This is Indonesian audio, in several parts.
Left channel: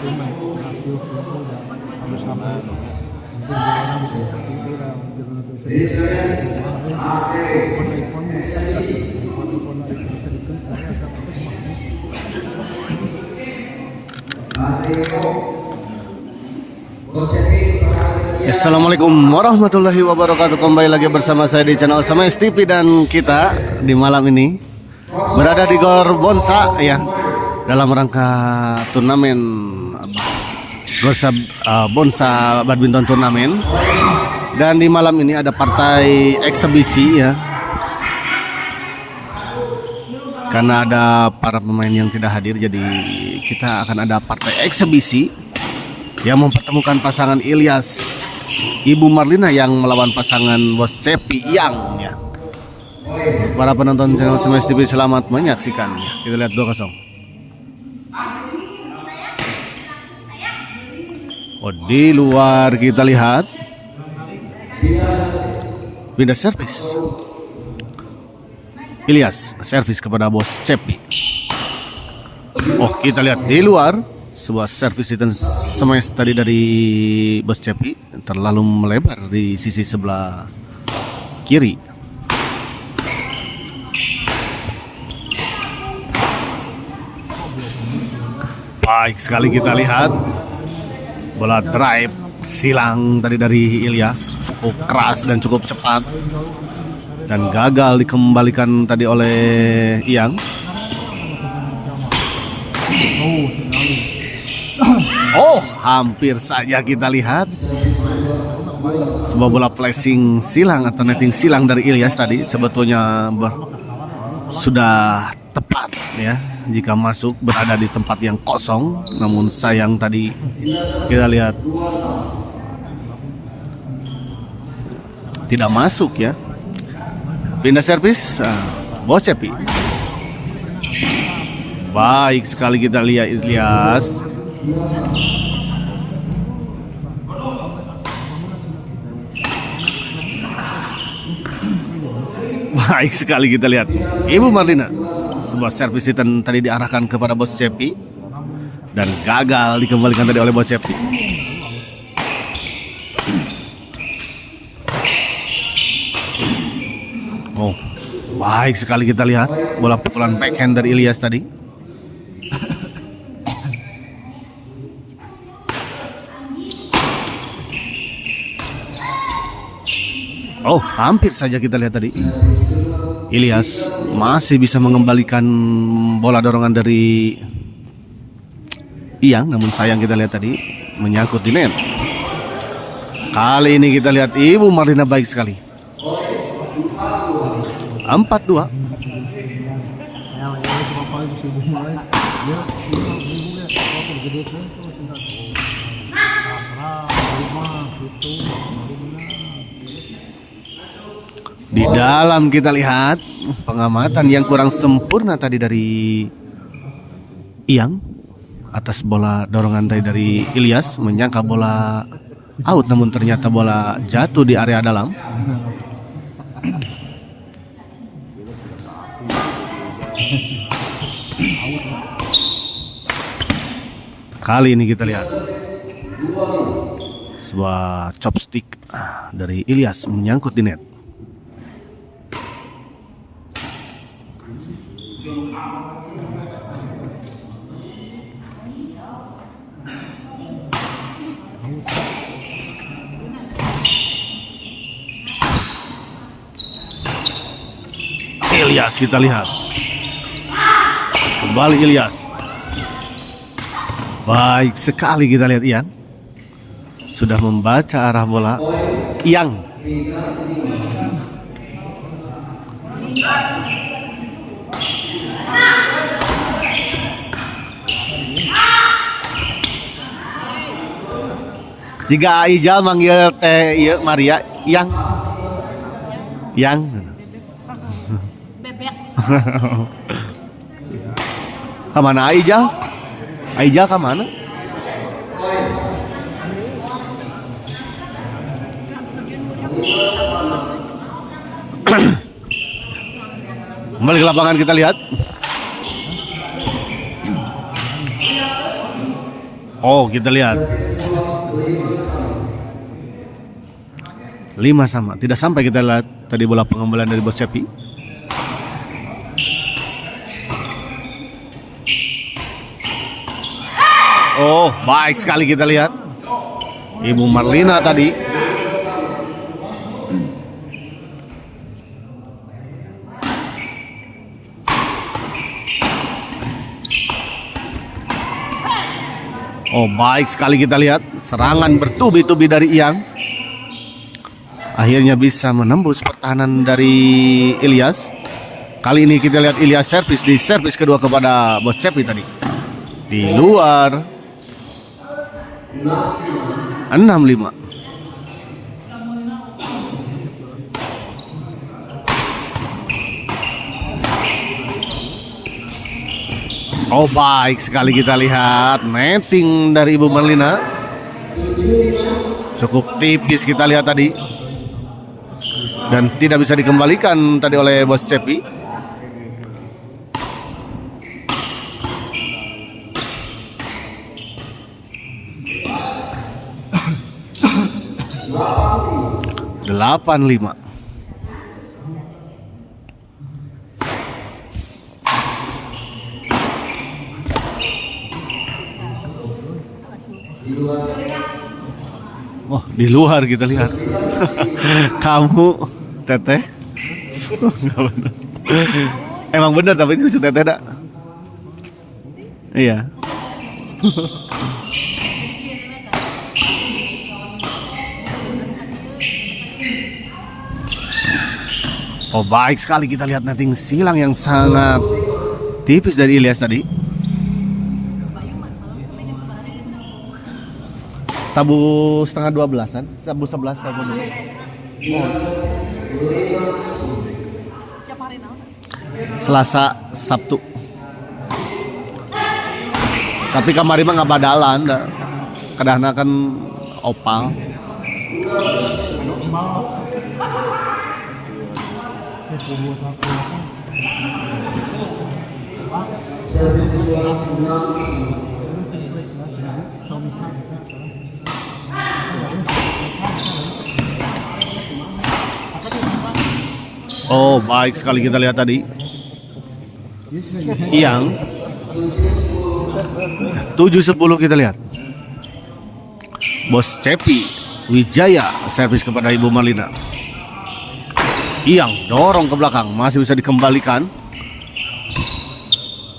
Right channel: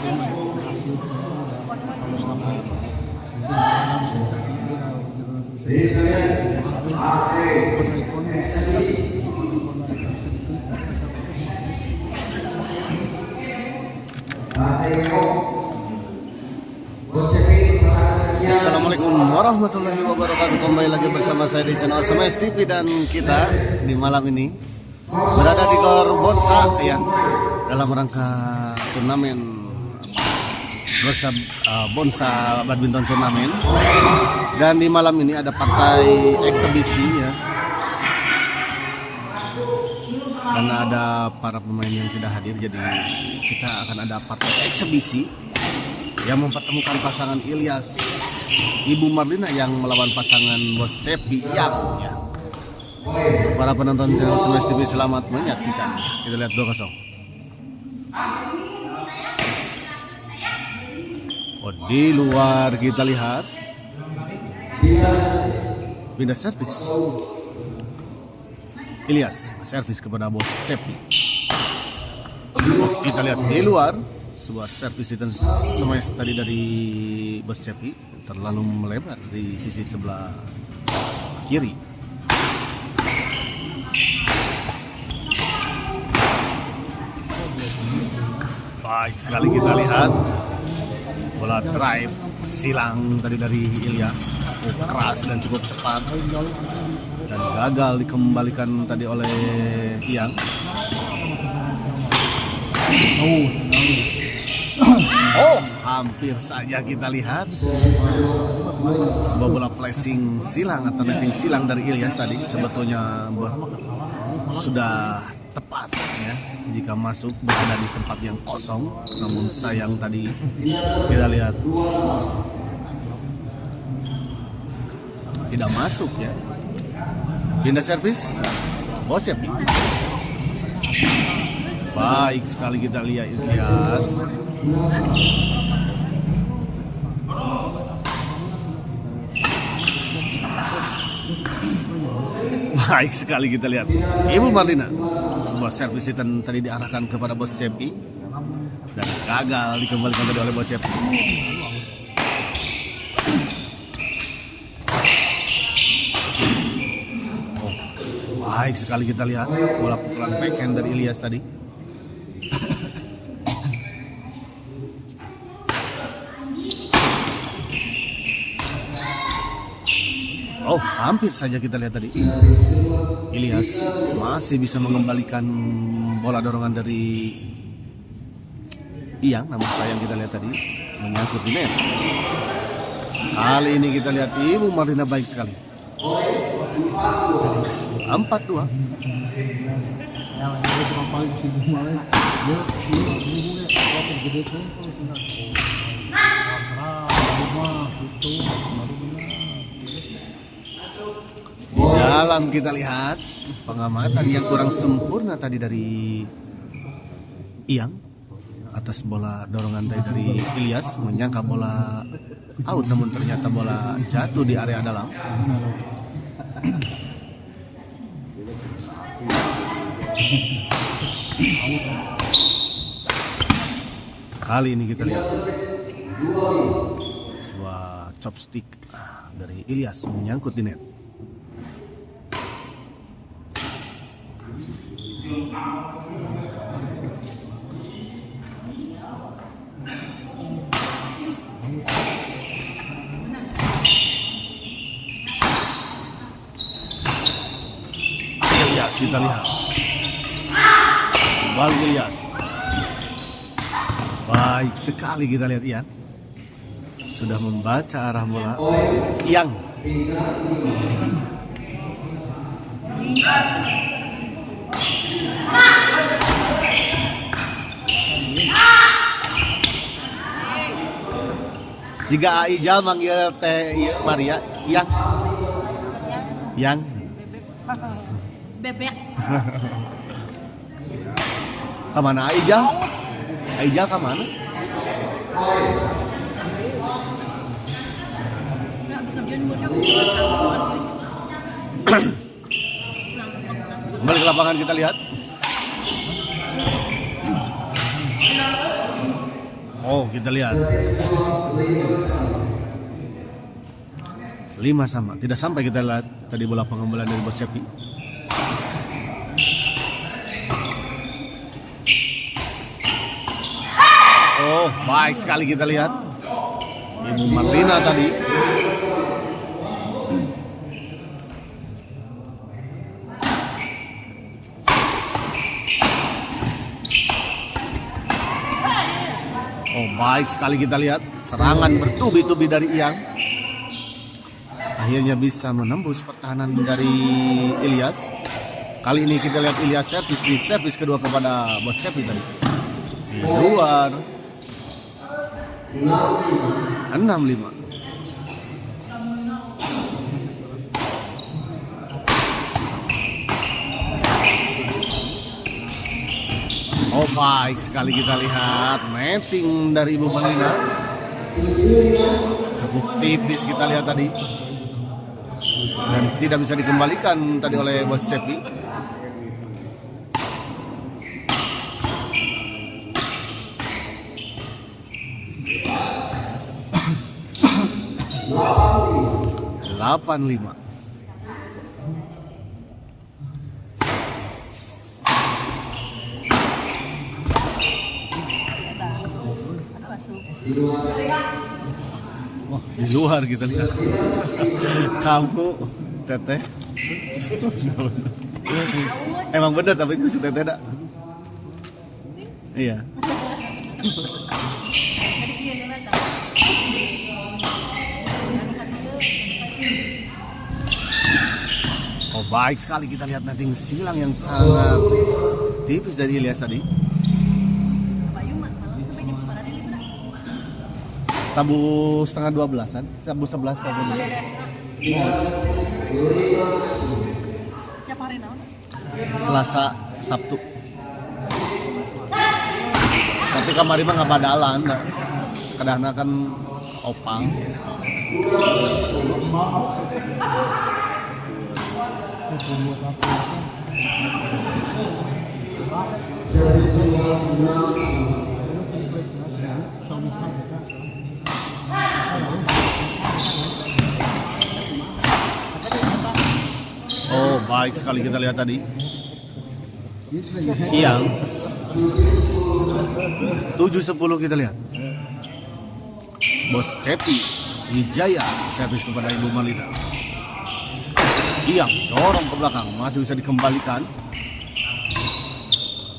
Jadi sekalian, oke, Assalamualaikum warahmatullahi wabarakatuh. Kembali lagi bersama saya di channel Semes TV, dan kita di malam ini berada di Gor Bonsa ya, dalam rangka turnamen Bonsa Badminton Turnamen. Dan di malam ini ada partai eksebisi ya, karena ada para pemain yang tidak hadir, jadi kita akan ada partai eksebisi yang mempertemukan pasangan Ilyas Ibu Marlina yang melawan pasangan Bos Cepi Yang ya. Para penonton channel Semes TV, selamat menyaksikan. Kita lihat 2-0. Oh, di luar kita lihat pindah servis. Ilyas servis kepada Bos Cepi. Oh, kita lihat di luar sebuah servis di Semes tadi dari Bos Cepi, terlalu melebar di sisi sebelah kiri. Baik sekali, kita lihat bola drive silang tadi dari Ilyas, cukup keras dan cukup cepat, dan gagal dikembalikan tadi oleh Iyang. Oh, hampir saja kita lihat sebuah bola flashing silang atau netting silang dari Ilyas tadi. Sebetulnya sudah tepat ya jika masuk, berada di tempat yang kosong, namun sayang tadi kita lihat tidak masuk ya. Pindah servis Bos Cepi. Baik sekali, kita lihat Ilyas. Baik sekali, kita lihat Ibu Marlina. Sebuah servis tadi diarahkan kepada Bos Cepi dan gagal dikembalikan tadi oleh Bos Cepi. Oh, baik sekali, kita lihat bola pukulan backhand dari Ilyas tadi. Oh, hampir saja kita lihat tadi Ilyas masih bisa mengembalikan bola dorongan dari Iyang, namun sayang kita lihat tadi menyangkut di net. Kali ini kita lihat Ibu Marlina baik sekali. 4-2. Di dalam kita lihat pengamatan yang kurang sempurna tadi dari Iyang atas bola dorongan tadi dari Ilyas, menyangka bola out, namun ternyata bola jatuh di area dalam. Kali ini kita lihat sebuah chopstick dari Ilyas menyangkut di net. Ilyas, kita lihat kembali Ilyas. Baik sekali, kita lihat Iyang sudah membaca arah bola. Iyang jika Ijal manggil teh Maria, Iyang bebek. Kemana Ijal? Ijal kemana? Kembali ke lapangan, kita lihat Oh, kita lihat. 5 sama. Tidak sampai kita lihat tadi bola pengembalian dari Bos Cepi. Oh, baik sekali kita lihat. Ibu Marlina tadi. Oh, baik sekali kita lihat. Serangan bertubi-tubi dari Iyang. Akhirnya bisa menembus pertahanan dari Ilyas. Kali ini kita lihat Ilyas servis di servis kedua kepada Bos Cepi tadi. Di luar. 6-5. Oh, baik sekali kita lihat netting dari Ibu Marlina. Cukup tipis kita lihat tadi. Dan tidak bisa dikembalikan tadi oleh Bos Cepi. Delapan lima. Wah, di luar kita lihat. Kamu Teteh. Emang bener tapi itu Teteh dak. Iya. Oh, baik sekali kita lihat netting silang yang sangat tipis dari Ilyas tadi. Tabu setengah 12-an, tabu 11 tabu. Selasa, Sabtu. Tapi kamari mah nggak badalan, kadang kan opal. Oh, baik sekali kita lihat tadi. Iyang 7-10 kita lihat. Bos Cepi Wijaya servis kepada Ibu Marlina. Iyang dorong ke belakang, masih bisa dikembalikan.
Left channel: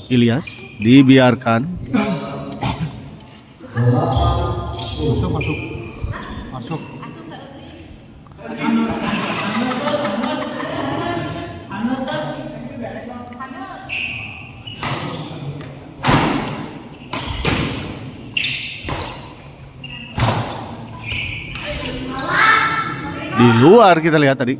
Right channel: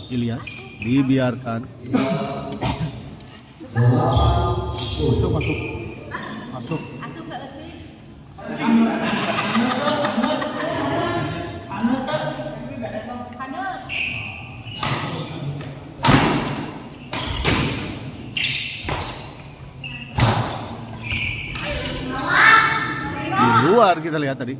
Ilyas dibiarkan. Masuk. Di luar kita lihat tadi.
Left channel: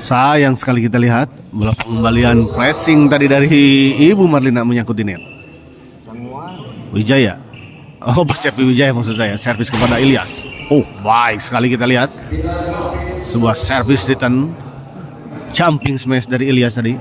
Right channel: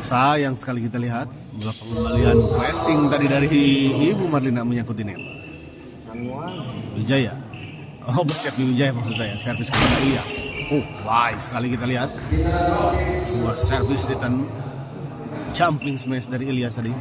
Sayang sekali kita lihat bola pengembalian pressing tadi dari Ibu Marlina menyangkut di net. Wijaya. Oh, Bos Cepi Wijaya maksud saya, servis kepada Ilyas. Oh, baik sekali kita lihat. Sebuah servis return jumping smash dari Ilyas tadi.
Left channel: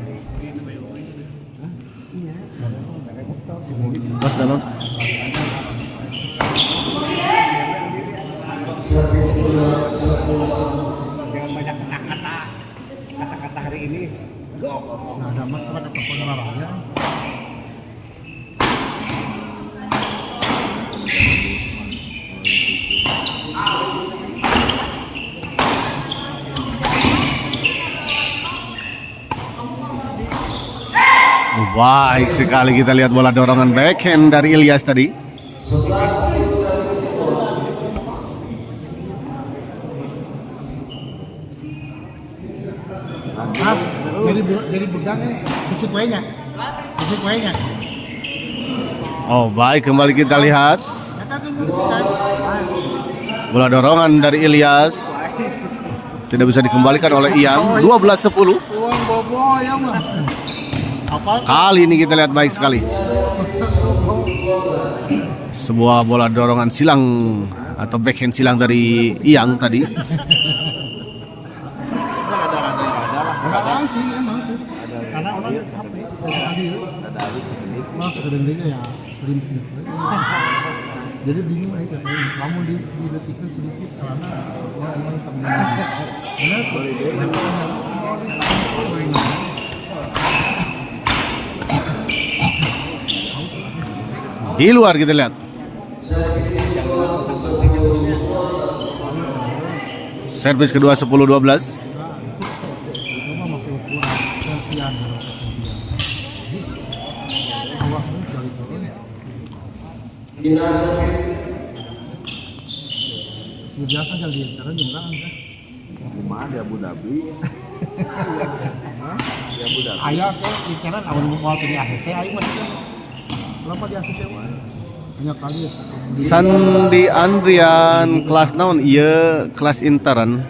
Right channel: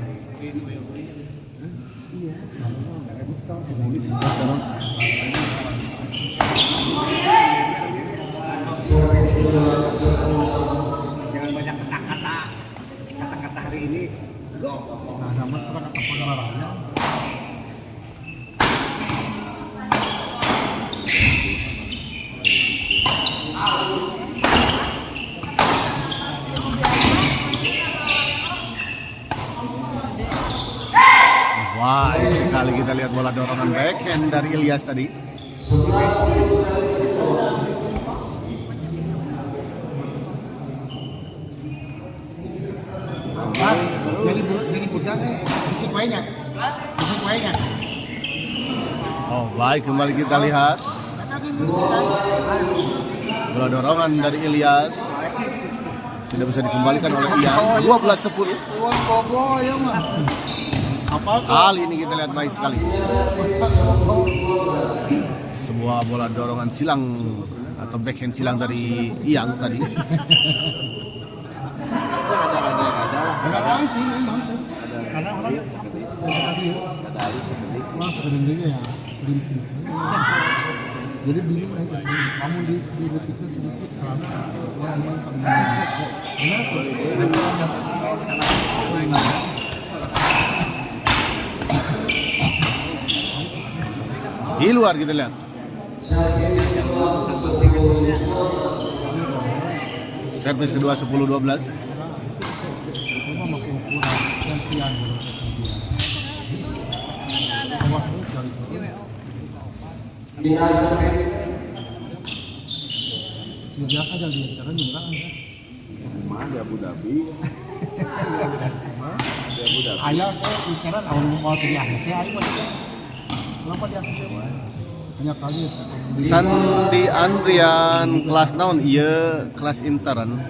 Baik sekali kita lihat bola dorongan backhand dari Ilyas tadi. Mas, jadi budangnya bisik lainnya. Oh, baik kembali kita lihat bola dorongan dari Ilyas. Tidak bisa dikembalikan oleh Iyang. 12-10. Apa? Kali ini kita lihat baik sekali. Sebuah bola dorongan silang atau backhand silang dari Iyang tadi. Ada sih memang tuh. Ada sebenarnya ya sedikit. Jadi bingung aja. Kamu di detiknya sedikit karena Di luar kita lihat. Servis kedua 10-12. biasa aja dia karena murah kan. Mana Abu Dhabi? Ayah kan bicara kalau mau pilih ACC ayo. Berapa di ACC? Banyak kali. Sandi Andrian kelas naon ieu kelas intern.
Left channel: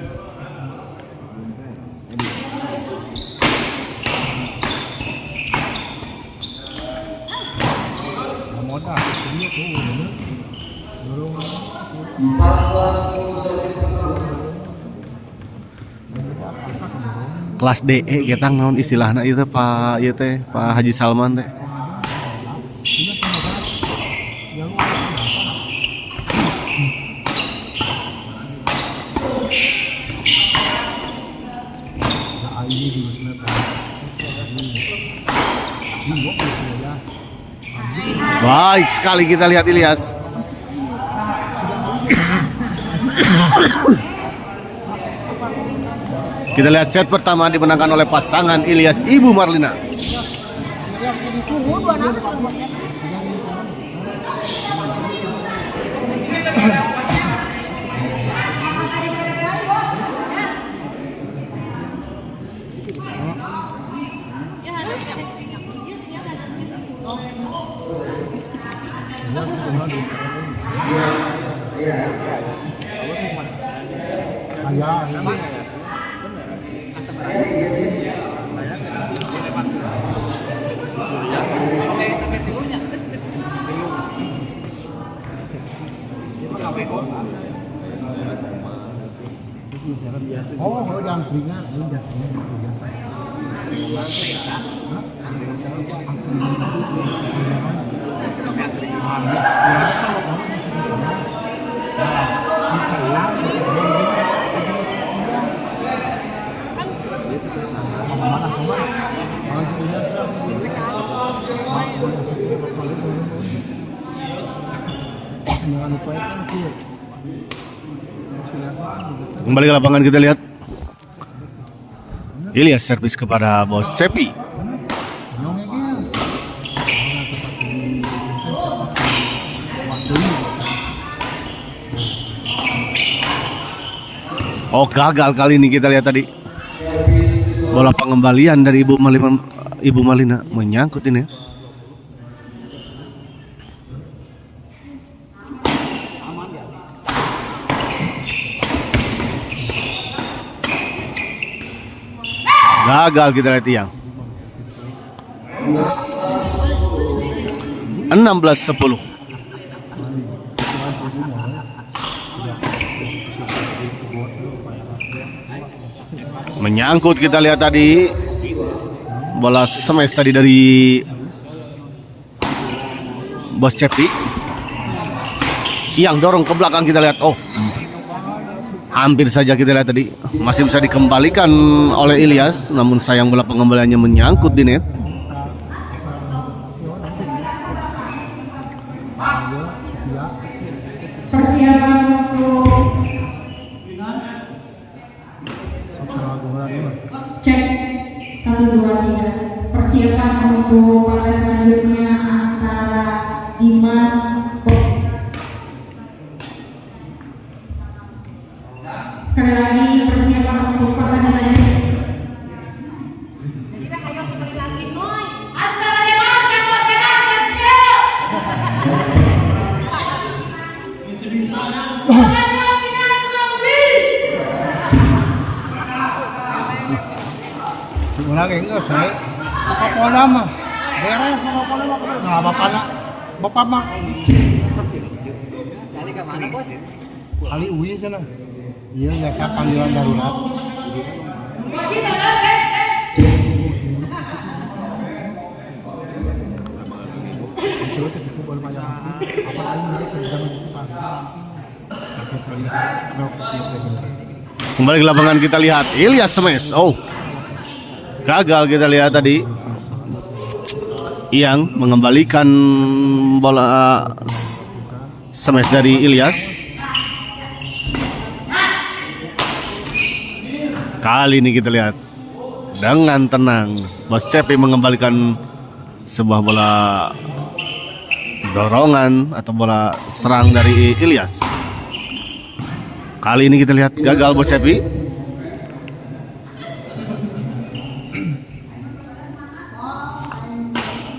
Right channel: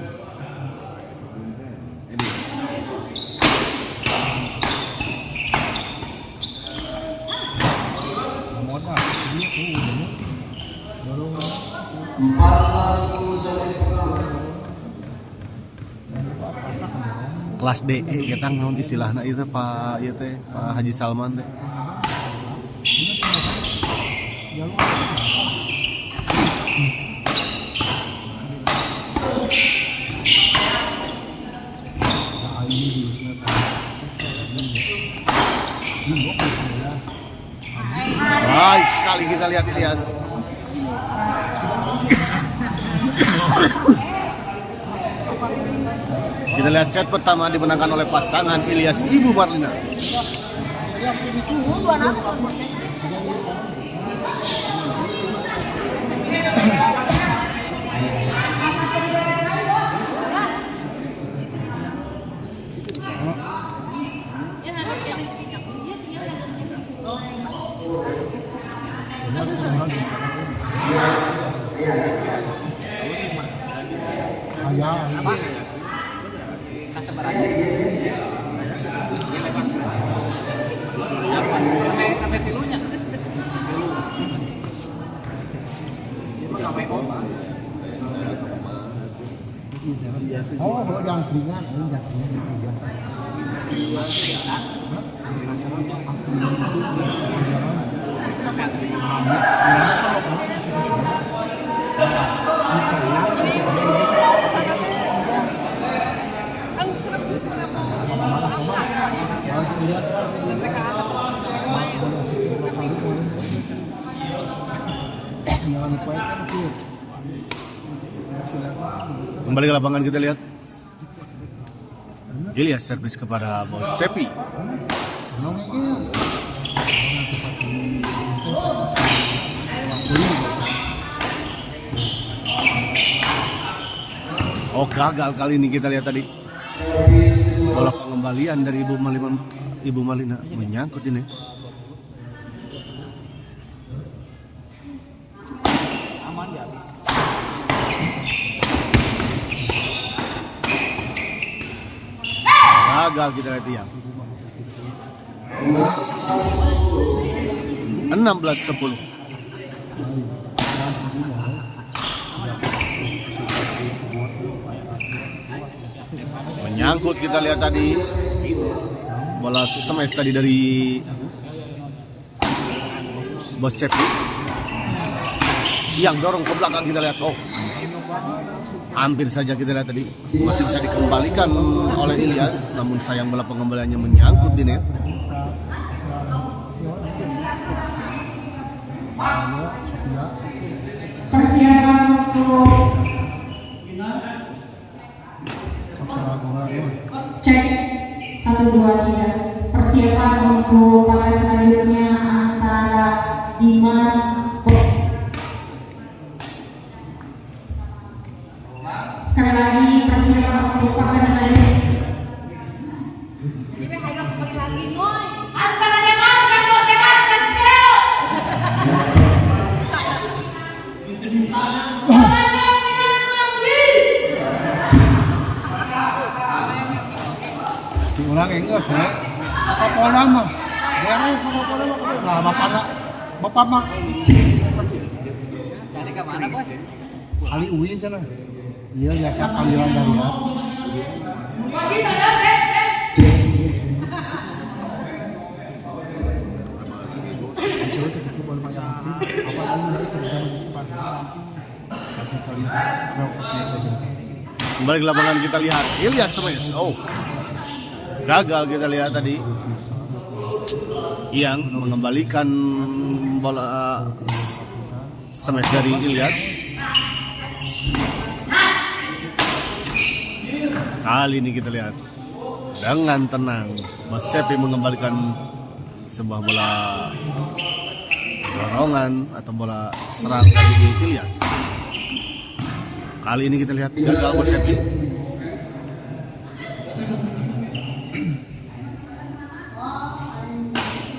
Kelas DE kita naon istilahna itu Pak ieu teh Pak Haji Salman teh. Baik sekali kita lihat Ilyas. Kita lihat set pertama dimenangkan oleh pasangan Ilyas Ibu Marlina. Oh, yang keringat, indah. Kembali ke lapangan kita lihat Ilyas servis kepada Bos Cepi. Oh, gagal kali ini kita lihat tadi. Bola pengembalian dari Ibu Marlina menyangkut ini. Gagal kita lihat Iyang. 16-10. Menyangkut kita lihat tadi. Bola smash tadi dari Bos Cepi. Iyang dorong ke belakang kita lihat. Oh, hampir saja kita lihat tadi masih bisa dikembalikan oleh Ilyas, namun sayang bola pengembaliannya menyangkut di net. Persiapan untuk cek 1, 2, 3. Persiapan untuk partai selanjutnya antara Dimas sekali lagi persiapan untuk partai selanjutnya. Nah, bapak mah kali uwi sana. Iya, nggak kali darurat. Kembali ke lapangan kita lihat Ilyas smash. Oh, gagal kita lihat tadi. Yang mengembalikan bola smash dari Ilyas. Kali ini kita lihat dengan tenang Bos Cepi mengembalikan sebuah bola dorongan atau bola serang dari Ilyas. Kali ini kita lihat gagal Bos Cepi.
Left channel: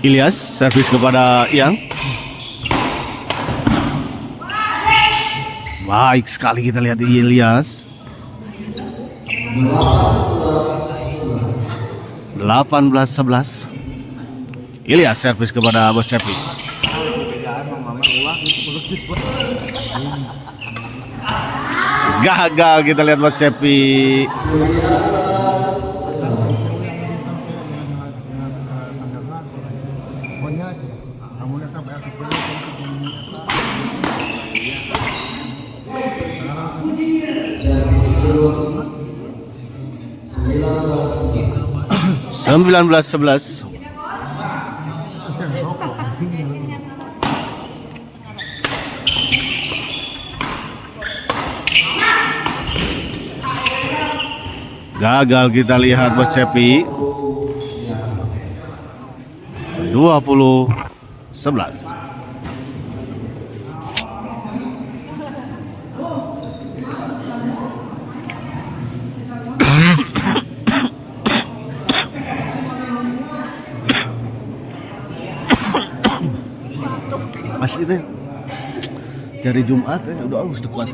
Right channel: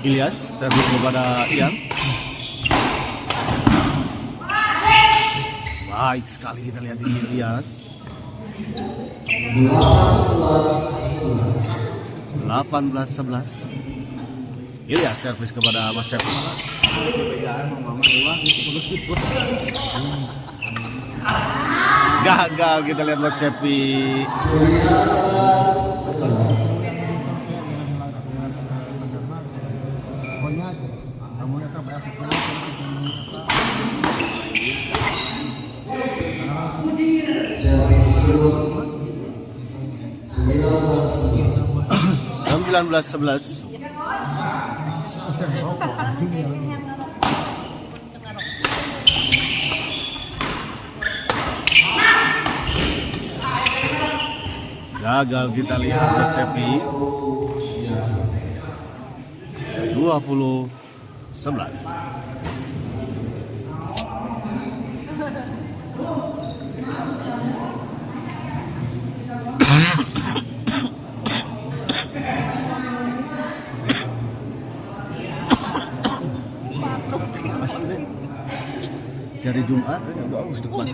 Ilyas servis kepada Yang. Baik sekali kita lihat Ilyas. 18-11. Ilyas servis kepada Bos Cepi. Gagal kita lihat Bos Cepi. Sembilan belas 11. Gagal kita lihat Bos Cepi. 20-11. Pasti deh. Dari Jumat udah harus tepat.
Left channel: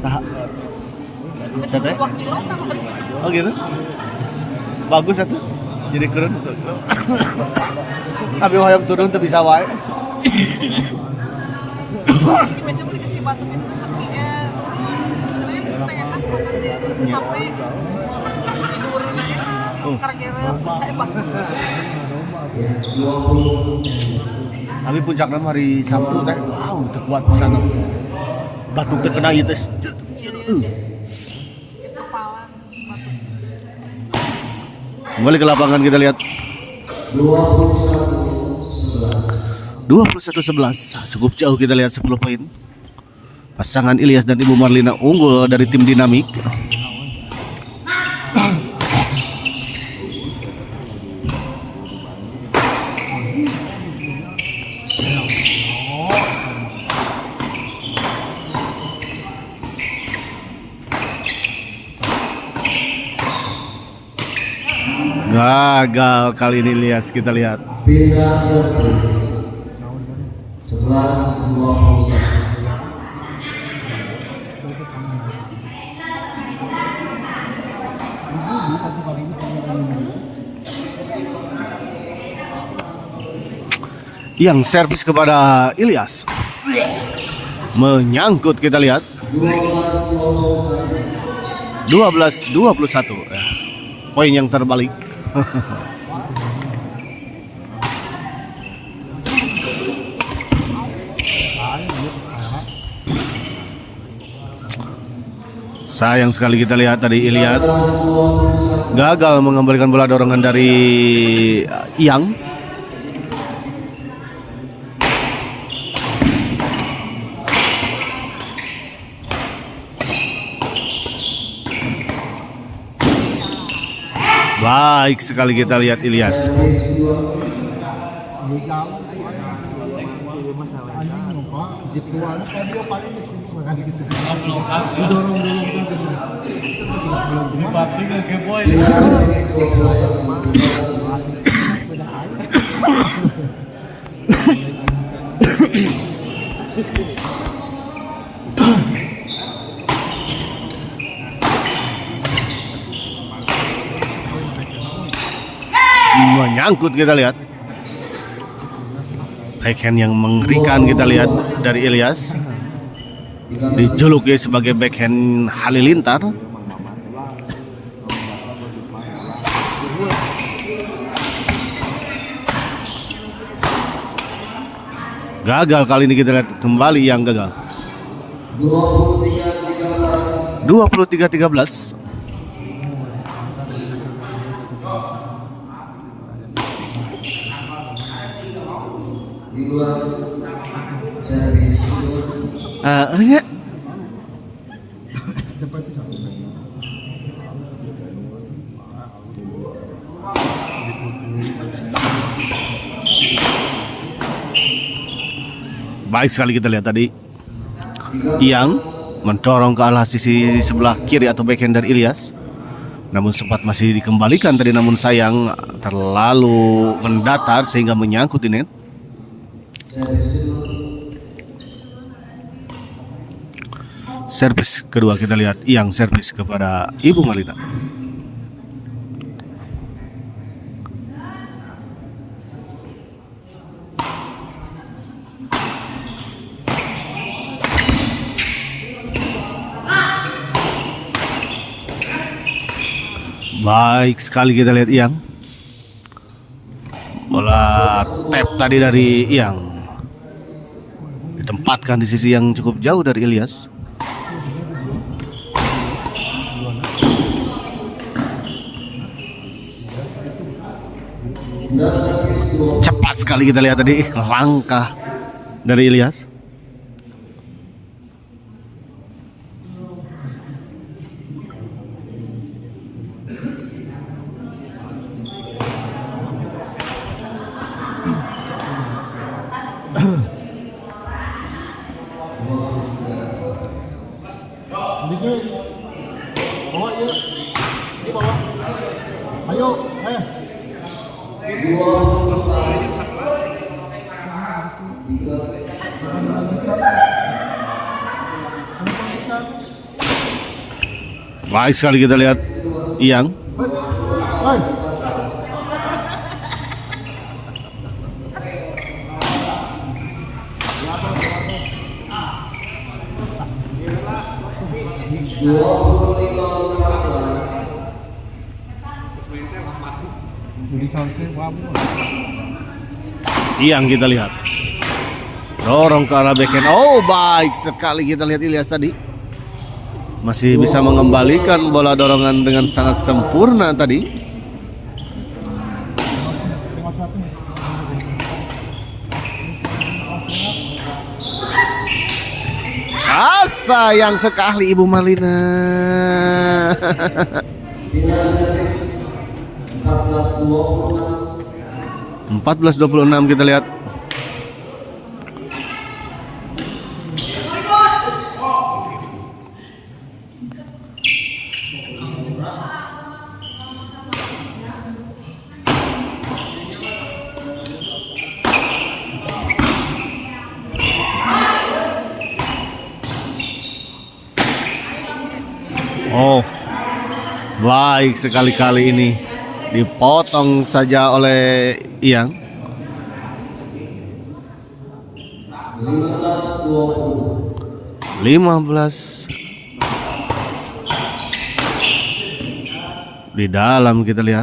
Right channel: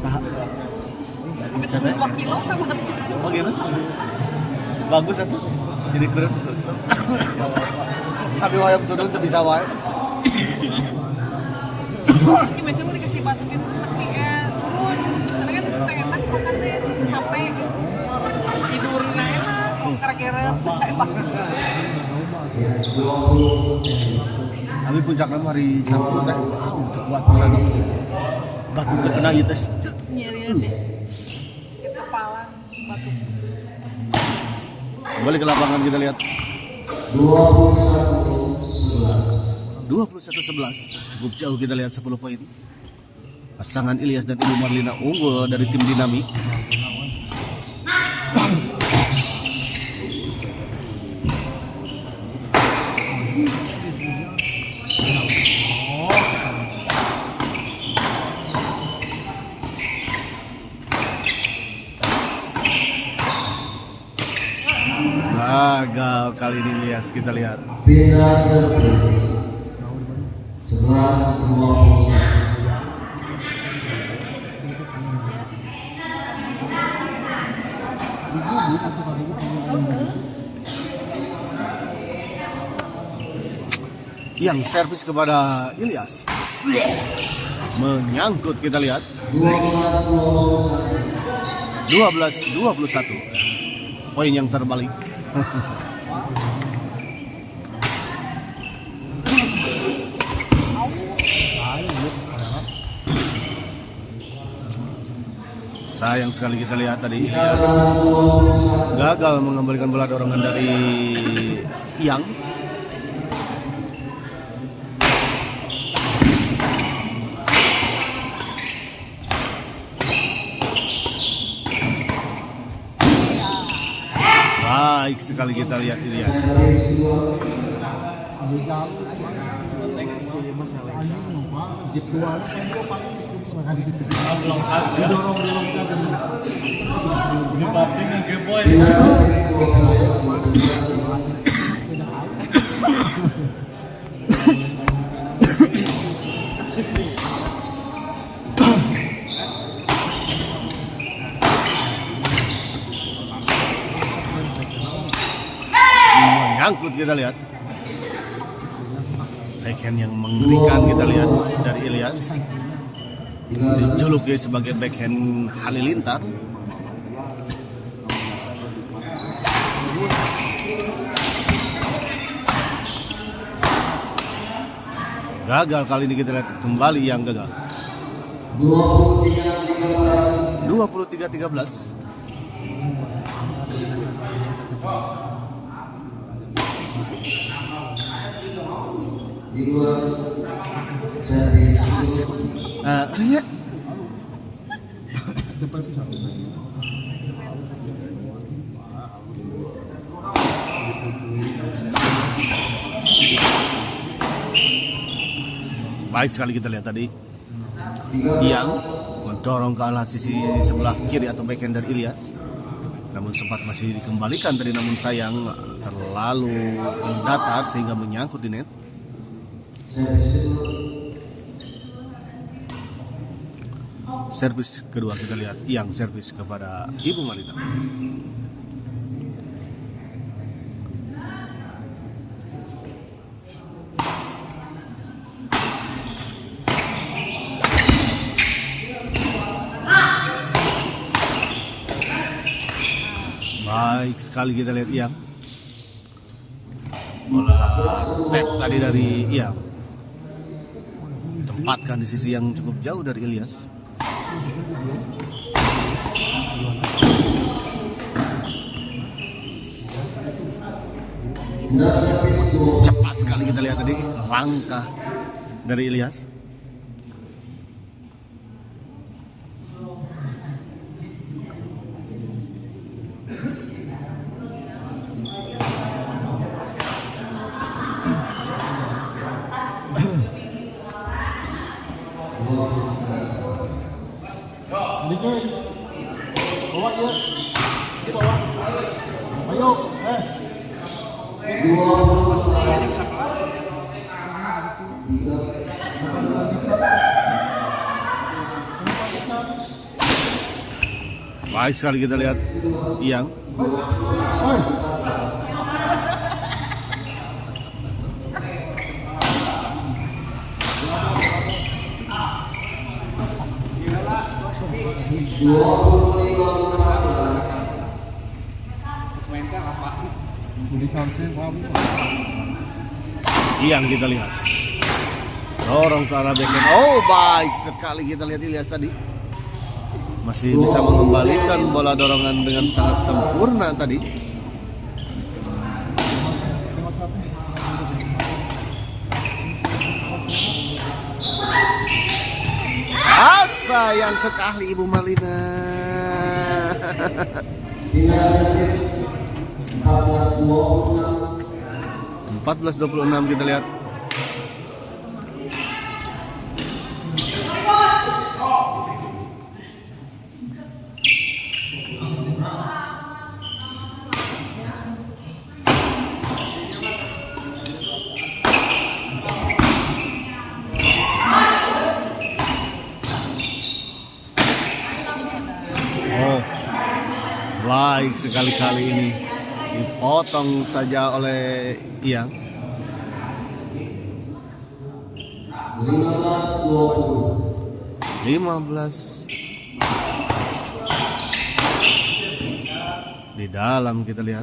Sah. Teteh? Oh gitu? Bagus itu? Jadi keren. Tapi hoyong turun tuh bisa wae. Biasanya mau dikasih batu pintu sepi ya turun. Tapi kan enak makannya sampai tidurnya enak. Kira-kira bisa banget. Tapi puncaknya hari Sabtu teh, udah kuat sana. Batu terkena gitu. Kepala batu. Kembali ke lapangan kita lihat 21-11. Cukup jauh kita lihat 10 poin. Pasangan Ilyas dan Ibu Marlina unggul dari tim Dinamik. Gagal kali ini Ilyas, kita lihat. Pindah servis 11-21. Yang servis kepada Ilyas. Menyangkut kita lihat. 12-21. Poin yang terbalik. Sayang sekali kita lihat tadi Ilyas gagal mengembalikan bola dorongan dari Yang. Baik sekali kita lihat Ilyas. nyangkut kita lihat. Backhand yang mengerikan kita lihat dari Ilyas. Dijuluki sebagai backhand halilintar. Gagal kali ini, kita lihat kembali yang gagal. 23-13. Di luar servis. Ya. Cepat itu satu. Baik sekali kita lihat tadi yang mendorong ke arah sisi sebelah kiri atau backhand dari Ilyas, namun sempat masih dikembalikan tadi, namun sayang terlalu mendatar sehingga menyangkut di net. Servis kedua kita lihat yang servis kepada Ibu Marlina. Baik sekali kita lihat Iyang. Bola tap tadi dari Iyang ditempatkan di sisi yang cukup jauh dari Ilyas. Cepat sekali kita lihat tadi langkah dari Ilyas. Dikit. Bawa ya. Ini bawa. Ayo, Baik sekali kita lihat Iyang. Hei. Iyang kita lihat dorong ke arah backhand. Oh, baik sekali kita lihat Ilyas tadi masih bisa mengembalikan bola dorongan dengan sangat sempurna tadi. Sayang sekali Ibu Marlina. 14-26 kita lihat. Oh, baik sekali kali ini dipotong saja oleh Iyang. 15 di dalam kita lihat.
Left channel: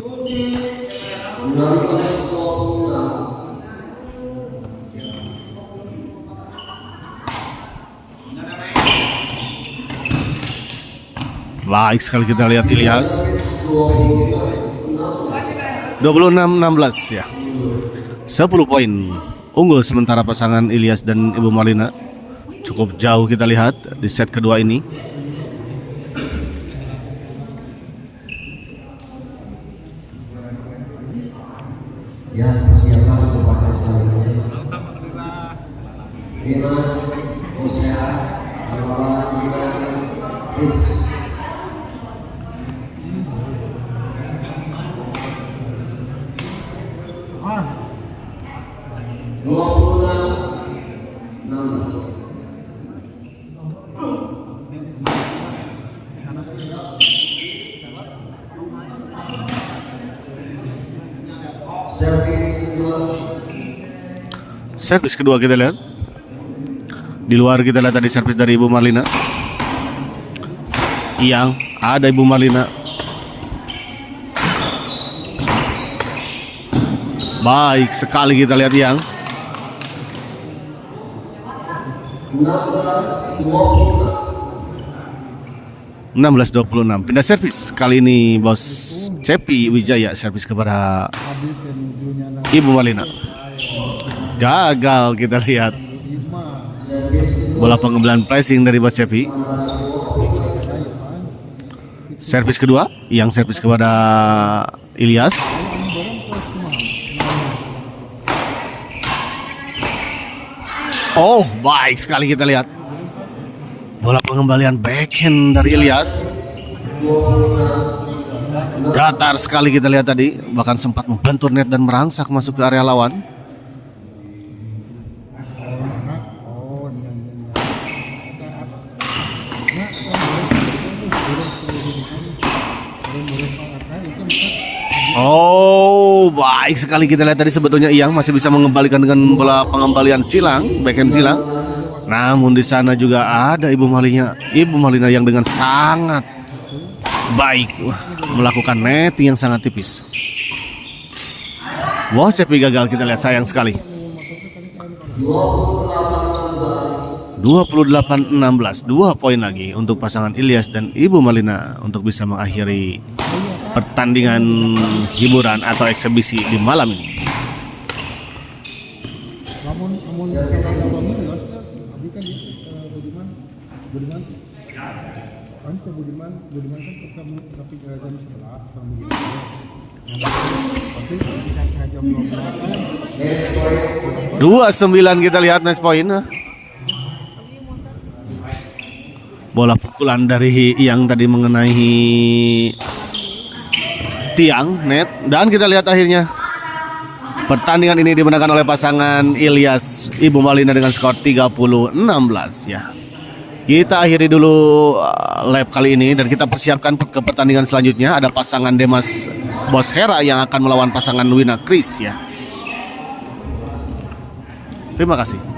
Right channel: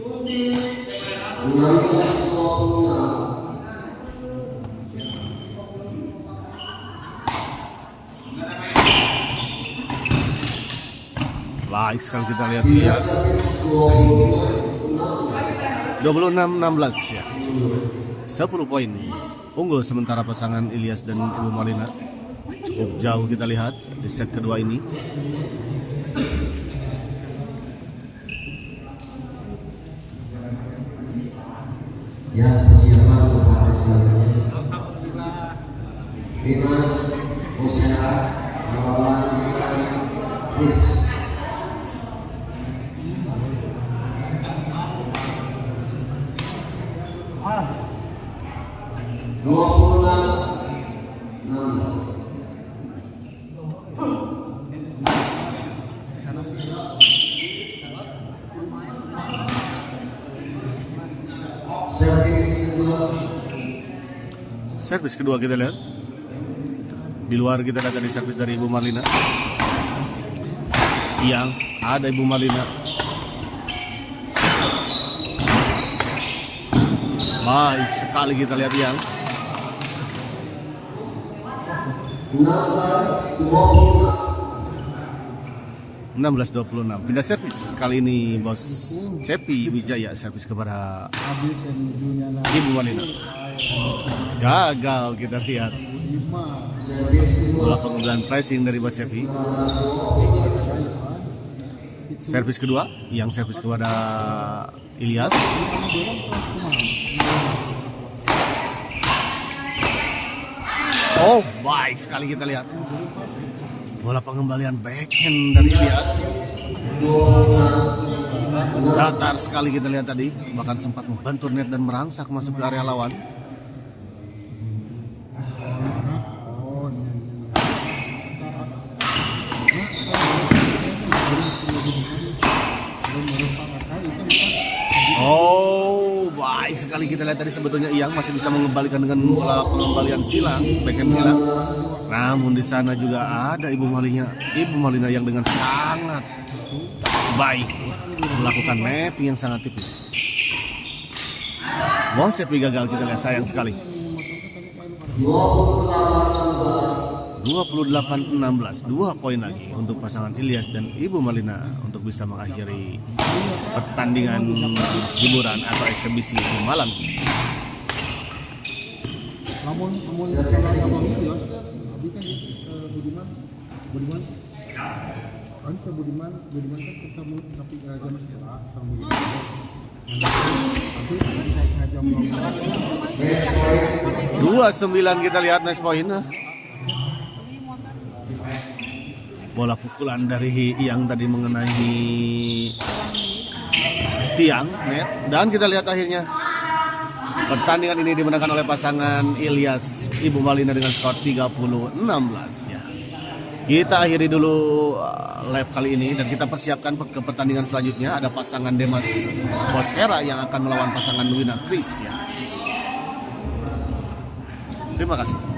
Baik sekali kita lihat Ilyas. 26-16 ya. 10 poin unggul sementara pasangan Ilyas dan Ibu Marlina. Cukup jauh kita lihat di set kedua ini. Ya, persiapan kepada selanjutnya. Dimas, Usia, Lawan, Chris. Servis Servis kedua kita lihat. Di luar kita lihat tadi servis dari Ibu Marlina. Yang ada Ibu Marlina. Baik sekali kita lihat yang 16-26. Pindah servis. Kali ini Bos Cepi Wijaya servis kepada Ibu Marlina. Gagal kita lihat. Bola pengembelan pressing dari Bos Cepi. Servis kedua yang servis kepada Ilyas. Oh, baik sekali kita lihat. Bola pengembalian backhand dari Ilyas. Datar sekali kita lihat tadi, bahkan sempat membentur net dan merangsak masuk ke area lawan. Oh, baik sekali kita lihat tadi, sebetulnya Iyang masih bisa mengembalikan dengan bola pengembalian silang, backhand silang. Namun di sana juga ada Ibu Marlina yang dengan sangat baik melakukan netting yang sangat tipis. Wah, Cepi gagal kita lihat, sayang sekali. 28-16, 2 poin lagi untuk pasangan Ilyas dan Ibu Marlina untuk bisa mengakhiri pertandingan hiburan atau eksebisi di malam ini. Dua 9 kita lihat nice point. Bola pukulan dari yang tadi mengenai tiang net, dan kita lihat akhirnya pertandingan ini dimenangkan oleh pasangan Ilyas Ibu Marlina dengan skor 30-16 ya. Kita akhiri dulu lap kali ini dan kita persiapkan ke pertandingan selanjutnya. Ada pasangan Demas Bos Hera yang akan melawan pasangan Wina Kris ya. Terima kasih.